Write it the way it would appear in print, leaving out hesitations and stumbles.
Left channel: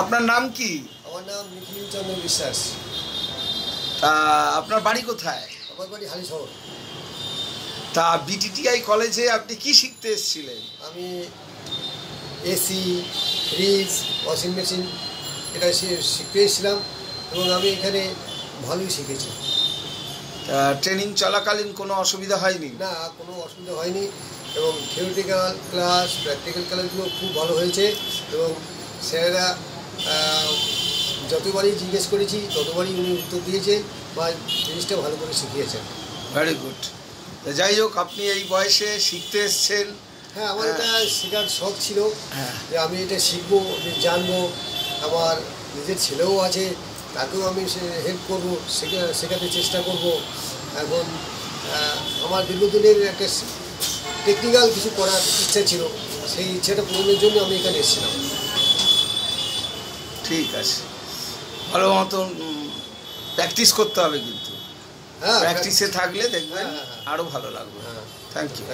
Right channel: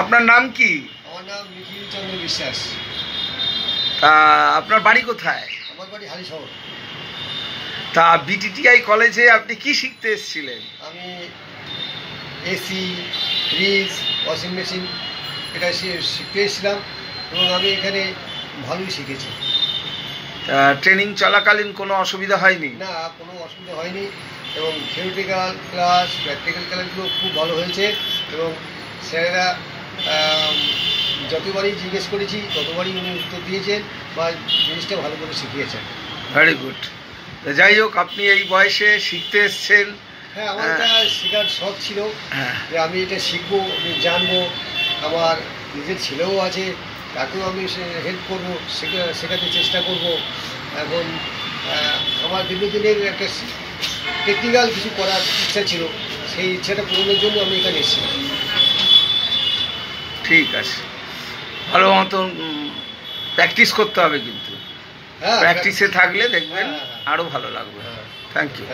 আপনার নাম কি? আমার নাম নিখিল চন্দ্র বিশ্বাস। তা আপনার বাড়ি কোথায়? আমার বাড়ি হালিশহর। তা বিটিটিআই কলেজে আপনি কি শিখতে এসেছিলেন? আমি এসি, ফ্রিজ, ওয়াশিং মেশিন এটা শিখতে এসেছিলাম এবং আমি এখানে ভালোই শিখেছি। তা ট্রেনিং চলাকালীন কোনো অসুবিধা হয়নি? না, কোনো অসুবিধা হয়নি এবং থিওরিটিক্যাল ক্লাস, প্র্যাকটিক্যাল ক্লাসগুলো খুব ভালো হয়েছে এবং স্যারেরা যতবারই জিজ্ঞেস করেছি ততবারই উনি উত্তর দিয়েছেন বা জিনিসটা ভালো করে শিখিয়েছেন। Very good. যাই হোক, আপনি এই বয়সে শিখতে এসছেন। হ্যাঁ, আমার এটা শেখার শখ ছিল যে আমি এটা শিখবো, আমি জানবো। আমার নিজের ছেলেও আছে, তাকেও আমি হেল্প করবো, শেখাতে চেষ্টা করব। এবং আমার দীর্ঘদিনের একটা টেকনিক্যাল কিছু করার ইচ্ছা ছিল, সেই ইচ্ছাটা পূরণের জন্য আমি এখানে এসেছিলাম। ঠিক আছে, ভালো মতন প্র্যাকটিস করতে হবে, কিন্তু হ্যাঁ, প্র্যাকটিসে থাকলে দেখবেন হ্যাঁ, হ্যাঁ, আরও ভালো লাগবে। হ্যাঁ। Thank you.